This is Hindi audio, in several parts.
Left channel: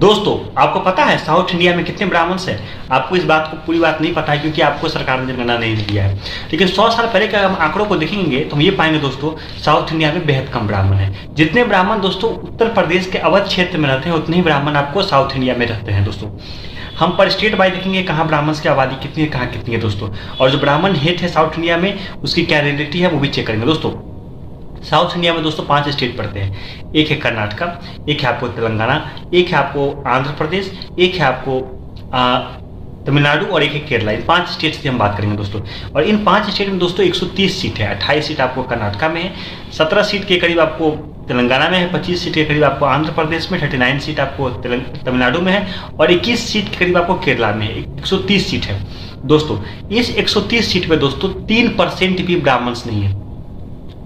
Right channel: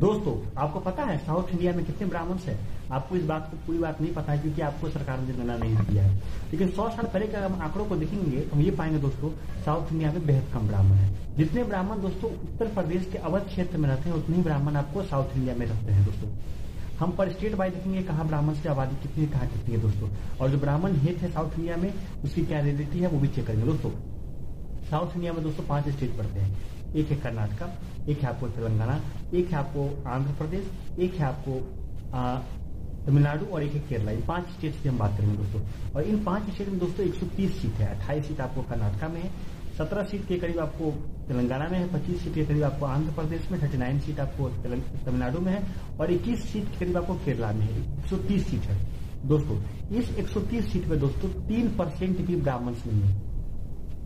दोस्तों, आपको पता है साउथ इंडिया में कितने ब्राह्मण्स हैं? आपको इस बात को पूरी बात नहीं पता है क्योंकि आपको सरकार ने जनगणना नहीं दिया है। लेकिन 100 साल पहले के हम आंकड़ों को देखेंगे तो हम ये पाएंगे दोस्तों, साउथ इंडिया में बेहद कम ब्राह्मण हैं। जितने ब्राह्मण दोस्तों उत्तर प्रदेश के अवध क्षेत्र में रहते हैं, उतने ही ब्राह्मण आपको साउथ इंडिया में रहते हैं दोस्तों। हम पर स्टेट वाइज देखेंगे कहाँ ब्राह्मण्स की आबादी कितनी है, कहाँ कितनी है दोस्तों। और जो ब्राह्मण हेड है साउथ इंडिया में, उसकी क्या रियलिटी है वो भी चेक करेंगे दोस्तों। साउथ इंडिया में दोस्तों 5 स्टेट पड़ते हैं। एक है कर्नाटका, एक है आपको तेलंगाना, एक है आपको आंध्र प्रदेश, एक है आपको तमिलनाडु और एक है केरला। इन 5 स्टेट की हम बात करेंगे दोस्तों। और इन 5 स्टेट में दोस्तों 130 सीट है। 28 सीट आपको कर्नाटका में है, 17 सीट के करीब आपको तेलंगाना में है, 25 सीट के करीब आपको आंध्र प्रदेश में, 39 सीट आपको तमिलनाडु में है और 21 सीट के करीब आपको केरला में है। 130 सीट है दोस्तों। इस 130 सीट में दोस्तों 3% भी ब्राह्मण्स नहीं है,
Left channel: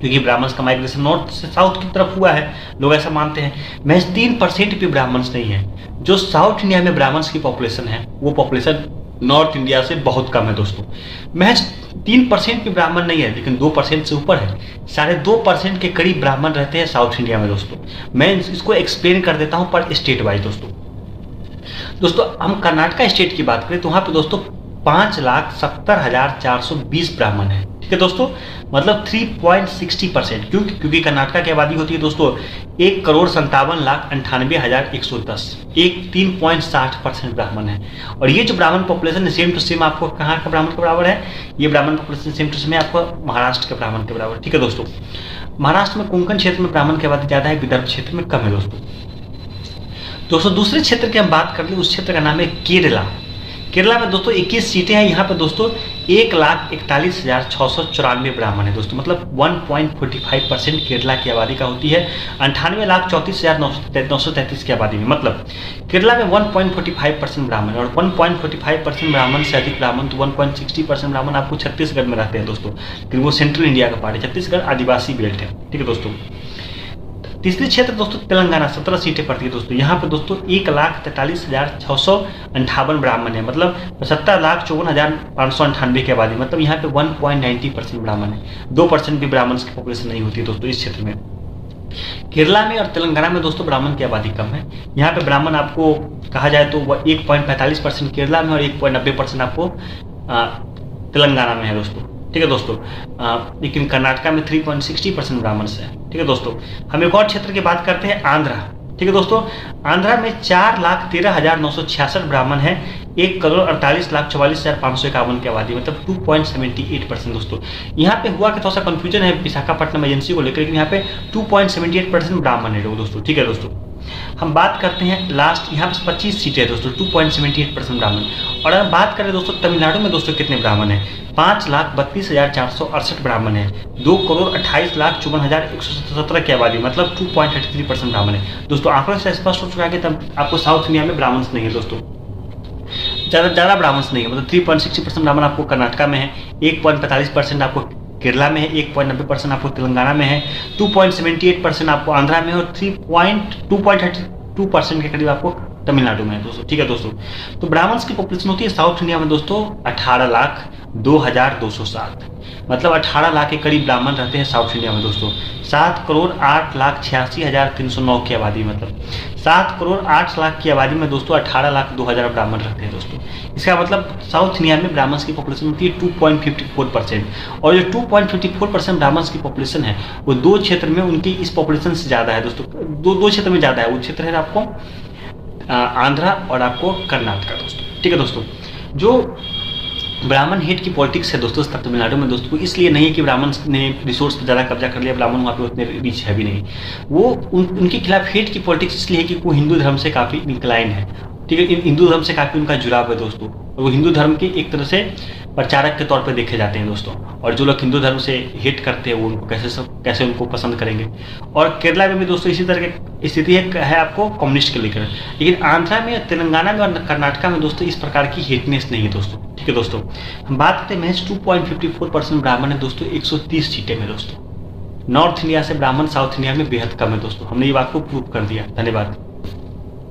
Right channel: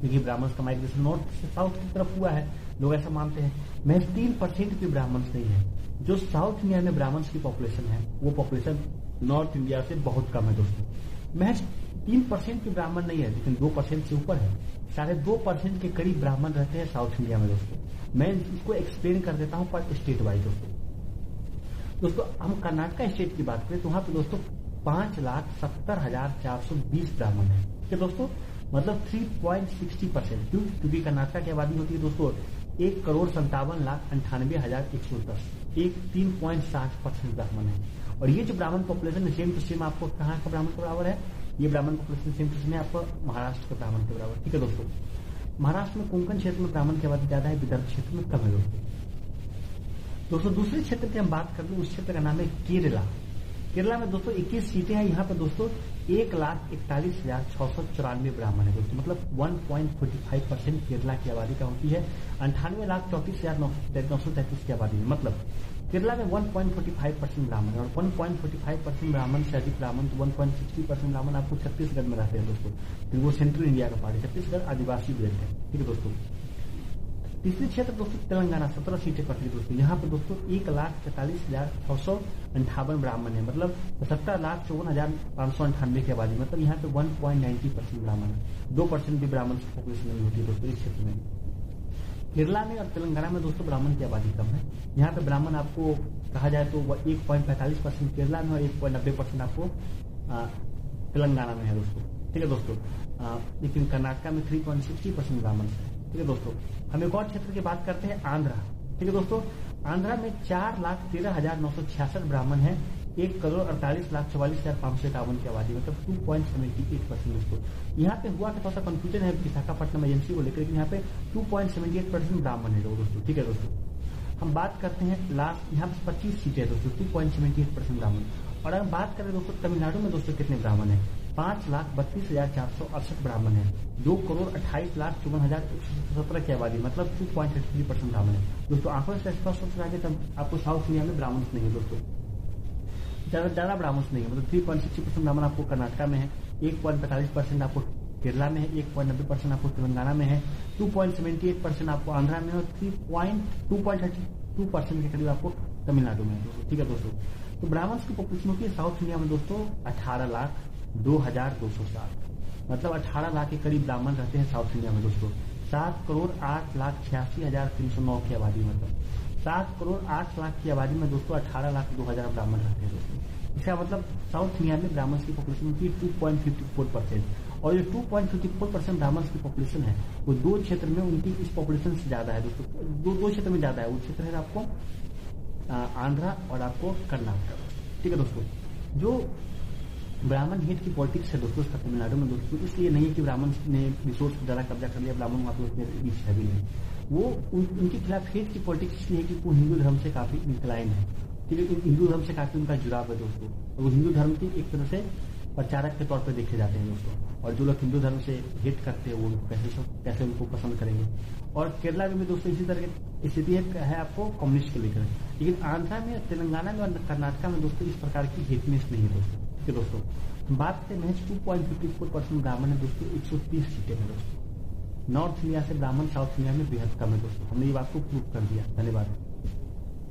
क्योंकि ब्राह्मण्स का माइग्रेशन नॉर्थ से साउथ की तरफ हुआ है, लोग ऐसा मानते हैं। महज 3% भी ब्राह्मण्स नहीं है। जो साउथ इंडिया में ब्राह्मण्स की पॉपुलेशन है वो पॉपुलेशन नॉर्थ इंडिया से बहुत कम है दोस्तों। महज 3% भी ब्राह्मण नहीं है, लेकिन 2% से ऊपर है। 2.5% के करीब ब्राह्मण रहते हैं साउथ इंडिया में दोस्तों। मैं इसको एक्सप्लेन कर देता हूं पर स्टेट वाइज दोस्तों। हम कर्नाटका स्टेट की बात करें तो वहां पे दोस्तों 5,70,420 ब्राह्मण है। ठीक है दोस्तों, मतलब 3.60%। क्योंकि कर्नाटका की आबादी होती है दोस्तों 1,57,98,110। 3.60% ब्राह्मण है। और ये जो ब्राह्मण पॉपुलेशन सेम टू सेम आपको कहाँ का ब्राह्मण के बराबर है? ये ब्राह्मण पॉपुलेशन सेम टू सेम है आपको महाराष्ट्र के ब्राह्मण के बराबर। ठीक है दोस्तों, महाराष्ट्र में कोंकण क्षेत्र में ब्राह्मण की आबादी ज्यादा है, विदर्भ क्षेत्र में कम है दोस्तों। दूसरे क्षेत्र की हम बात कर लें, उस क्षेत्र का नाम है केरला। केरला में दोस्तों 21 सीटें हैं। यहाँ पे दोस्तों 1,41,694 ब्राह्मण है दोस्तों, मतलब 1.45% केरला की आबादी का होती है 98,34,933 की आबादी में। मतलब केरला में 1.45% ब्राह्मण है। और 1.45% ब्राह्मण से अधिक ब्राह्मण तो 1.60% ब्राह्मण आपको छत्तीसगढ़ में रहते हैं दोस्तों, क्योंकि वो सेंट्रल इंडिया का पार्ट है। छत्तीसगढ़ आदिवासी बेल्ट है। ठीक है दोस्तों। तीसरी क्षेत्र दोस्तों तेलंगाना, 17 सीटें पड़ती है दोस्तों। यहाँ पे दोस्तों 1,43,658 ब्राह्मण है, मतलब 70,54,598 की आबादी। मतलब यहाँ पे 1.90% ब्राह्मण है। 2% भी ब्राह्मण की पॉपुलेशन नहीं होती है दोस्तों इस क्षेत्र में। केरला में और तेलंगाना में दोस्तों ब्राह्मण की आबादी कम है। यहाँ पे ब्राह्मण आपको कहा जाए तो 1.45% केरला में और 1.90% आपको तेलंगाना में है दोस्तों। ठीक है दोस्तों। लेकिन कर्नाटका में 3.60% ब्राह्मण है। ठीक है दोस्तों। हम एक और क्षेत्र की बात करते हैं, आंध्रा। ठीक है दोस्तों, आंध्रा में 4,13,966 ब्राह्मण है, 1,48,44,551 की आबादी, मतलब 2.78% दोस्तों। यहाँ पे हुआ कि थोड़ा सा कंफ्यूजन है विशाखापट्टनम एजेंसी को लेकर, लेकिन यहाँ पे 2.78% ब्राह्मण है दोस्तों। ठीक है दोस्तों। हम बात करते हैं लास्ट, यहाँ पे 25 सीटें है दोस्तों, 2.78% ब्राह्मण। और अगर बात करें दोस्तों तमिलनाडु में दोस्तों कितने ब्राह्मण है? 5,32,468 ब्राह्मण है, 2,28,54,117 की आबादी, मतलब 2.33% ब्राह्मण है दोस्तों। आंकड़ों से स्पष्ट हो चुका है कि तब आपको साउथ इंडिया में ब्राह्मण नहीं है दोस्तों, ज्यादा ब्राह्मण नहीं है। मतलब 3.60% ब्राह्मण आपको कर्नाटका में है, 1.45% आपको केरला में है, 1.90% आपको तेलंगाना में है, 2.78% आपको आंध्रा में है और 2.32% के करीब आपको तमिलनाडु में है दोस्तों। ठीक है दोस्तों। तो ब्राह्मण्स की पॉपुलेशन होती है साउथ इंडिया में दोस्तों 18,02,207, मतलब 18 लाख के करीब ब्राह्मण रहते हैं साउथ इंडिया में दोस्तों। 7,08,86,309 की आबादी, मतलब 7,08,00,000 की आबादी में दोस्तों 18,02,000 ब्राह्मण रहते हैं दोस्तों। इसका मतलब साउथ इंडिया में ब्राह्मण्स की पॉपुलेशन होती है 2.54%। और जो 2.54% ब्राह्मण्स की पॉपुलेशन है वो 2 क्षेत्र में उनकी इस पॉपुलेशन से ज़्यादा है दोस्तों। दो क्षेत्र में ज़्यादा है। वो क्षेत्र है आपको आंध्रा और आपको कर्नाटका दोस्तों। ठीक है दोस्तों। जो ब्राह्मण हेड की पॉलिटिक्स है दोस्तों तमिलनाडु में दोस्तों, इसलिए नहीं है कि ब्राह्मण ने रिसोर्स पर ज़्यादा कब्जा कर लिया, ब्राह्मण वहाँ पे उतने रिच है भी नहीं। वो उनके खिलाफ हेड की पॉलिटिक्स इसलिए है कि वो हिंदू धर्म से काफ़ी इंक्लाइन है। ठीक है, हिंदू धर्म से काफ़ी उनका जुड़ाव है दोस्तों। और वो हिंदू धर्म के एक तरह से प्रचारक के तौर पे देखे जाते हैं दोस्तों। और जो लोग हिंदू धर्म से हेट करते हैं वो उनको कैसे उनको पसंद करेंगे। और केरला में भी दोस्तों इसी तरह की स्थिति है आपको कम्युनिस्ट के लेकर। लेकिन आंध्रा में, तेलंगाना में और कर्नाटका में दोस्तों इस प्रकार की हेटनेस नहीं है दोस्तों। ठीक है दोस्तों। हम बात करते हैं महज 2.54% ब्राह्मण है दोस्तों 130 सीटें में दोस्तों। नॉर्थ इंडिया से ब्राह्मण साउथ इंडिया में बेहद कम है दोस्तों। हमने ये बात को प्रूव कर दिया। धन्यवाद।